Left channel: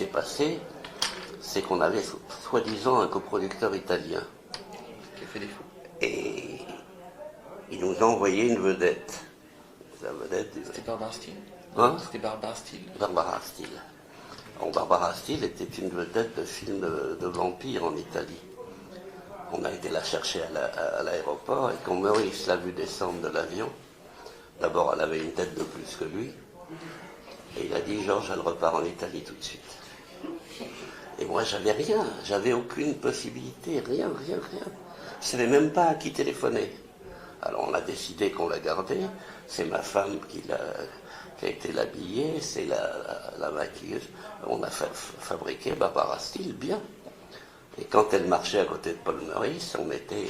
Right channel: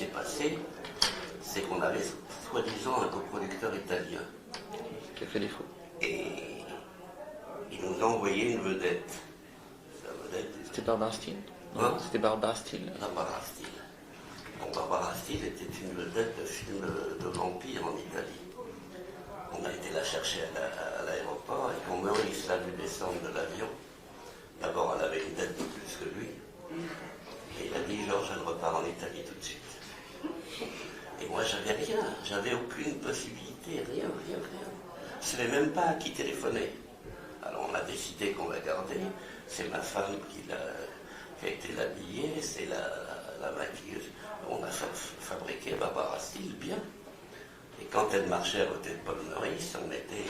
s'est passé, c'est qu'on avait soi-disant un coproducteur italien. Qui a fait défaut. Et il nous a envoyé une vedette. La vedette. C'était Barbara Steele. Hein? C'était Barbara Steele. Barbara Steele. Bon, Barbara Steele était une vedette de film de vampires en Italie. On a été la chercher à l'aéroport, et quand Maurice l'a vu descendre de l'avion, d'abord elle avait une tête de plus que lui, et il a dit: Georges, elle repart en Italie tout de suite. Et moi j'avais rien, j'avais aucune possibilité, rien. Je ne savais même pas à qui téléphoner. Alors on a décidé qu'on la gardait, c'est ma femme qui a été l'habillée, c'est la maquilleuse. On a fabriqué Barbara Steele bien. Et quand elle marchait à côté de Paul Meurice, on mettait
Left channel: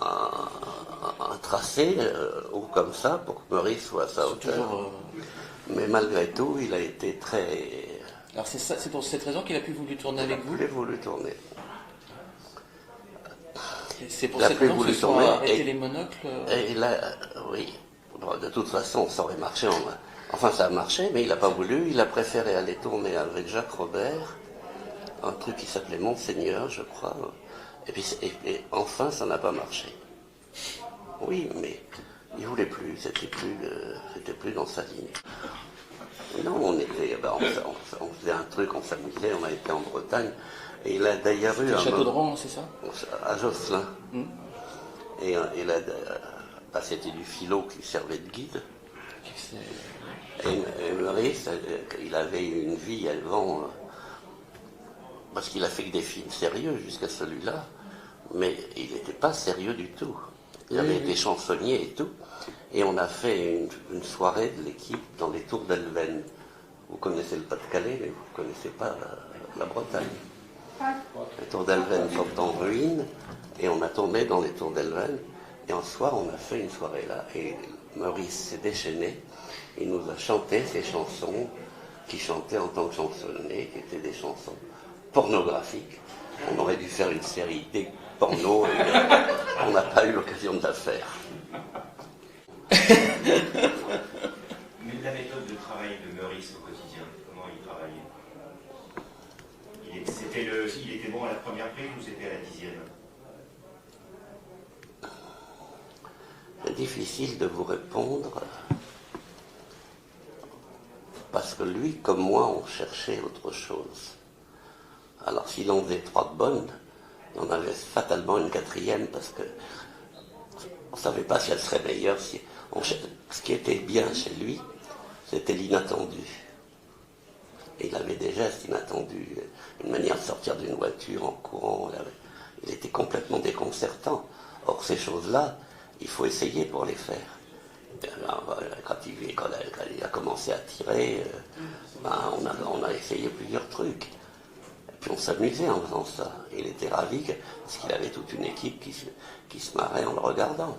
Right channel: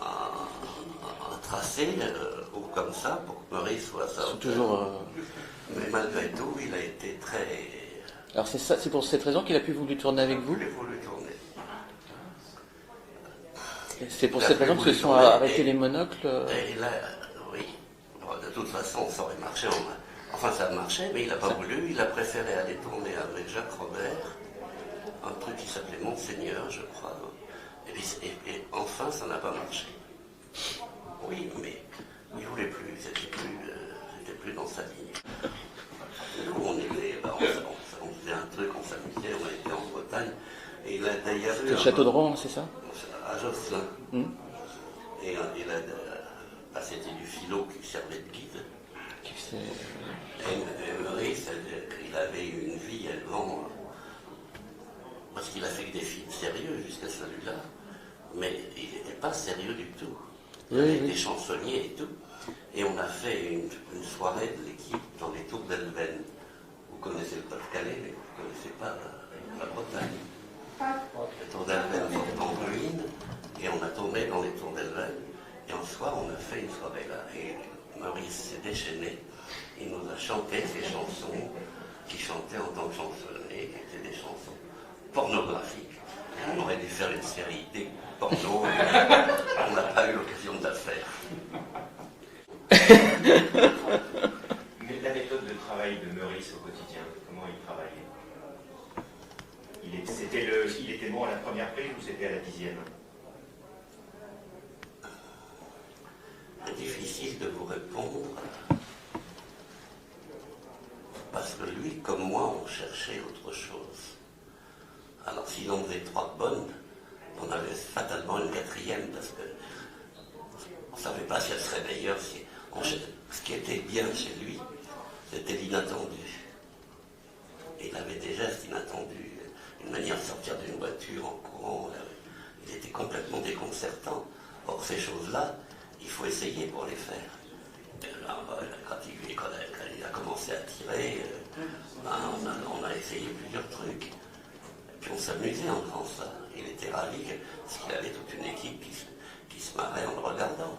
un tracé haut comme ça pour que Meurice soit à sa hauteur. Mais malgré tout, il a été très... Alors c'est pour cette raison qu'il a pu voulu tourner avec vous? Il a voulu tourner. C'est pour cette raison que se sont arrêtés les monocles? Et là, oui. Bon, de toute façon, ça aurait marché. Enfin, ça a marché, mais il n'a pas voulu. Il a préféré aller tourner avec Jacques Robert, un truc qui s'appelait Monseigneur, je crois. Et puis, enfin, ça n'a pas marché. Oui, mais il voulait plus. C'était plus dans sa ligne. Non, on faisait un truc, on s'amusait, on a été en Bretagne. Et il a d'ailleurs eu... Le château de Rouen, c'est ça? À Josselin. Et là, c'était du philo qui servait de guide. Et Meurice, il avait eu une vie avant, parce qu'il a fait que des films sérieux jusqu'à celui-là, mais il n'était pas sérieux du tout. Il avait été chansonnier et tout. Et on a fait une soirée de l'équipe dans les Tours d'Elven. Vous connaissez le Pas-de-Calais, mais vous ne connaissez pas la Bretagne. Les Tours d'Elven sont en ruine, et on a tourné dans les Tours d'Elven. Et un soir, on a fait une soirée là. Et Maurice s'est déchaîné. Il nous a chanté ces chansons qu'il chantait en tant que chansonnier, qui étaient des chansons pornographiques. On aurait dû faire une série des pornos, et on n'a pas eu l'occasion de la faire. Mais la méthode de travail de Meurice au quotidien, comment il travaillait? Il était bon à la première prise ou c'était à la 10e? C'est difficile de vous répondre, parce que lui, comme moi, on cherchait autre chose. Alors s'il en faisait 3 bonnes, on avait fatalement une 4e, parce que on ne savait pas si elle serait meilleure. Ce qui était bien chez lui, c'était l'inattendu. Et il avait des gestes inattendus, une manière de sortir d'une voiture en courant. Il était complètement déconcertant. Or, ces choses-là, il faut essayer pour les faire. Quand il a commencé à tirer, on a essayé plusieurs trucs. Et puis on s'amusait en faisant ça. Il était ravi parce qu'il avait toute une équipe qui se marrait en le regardant.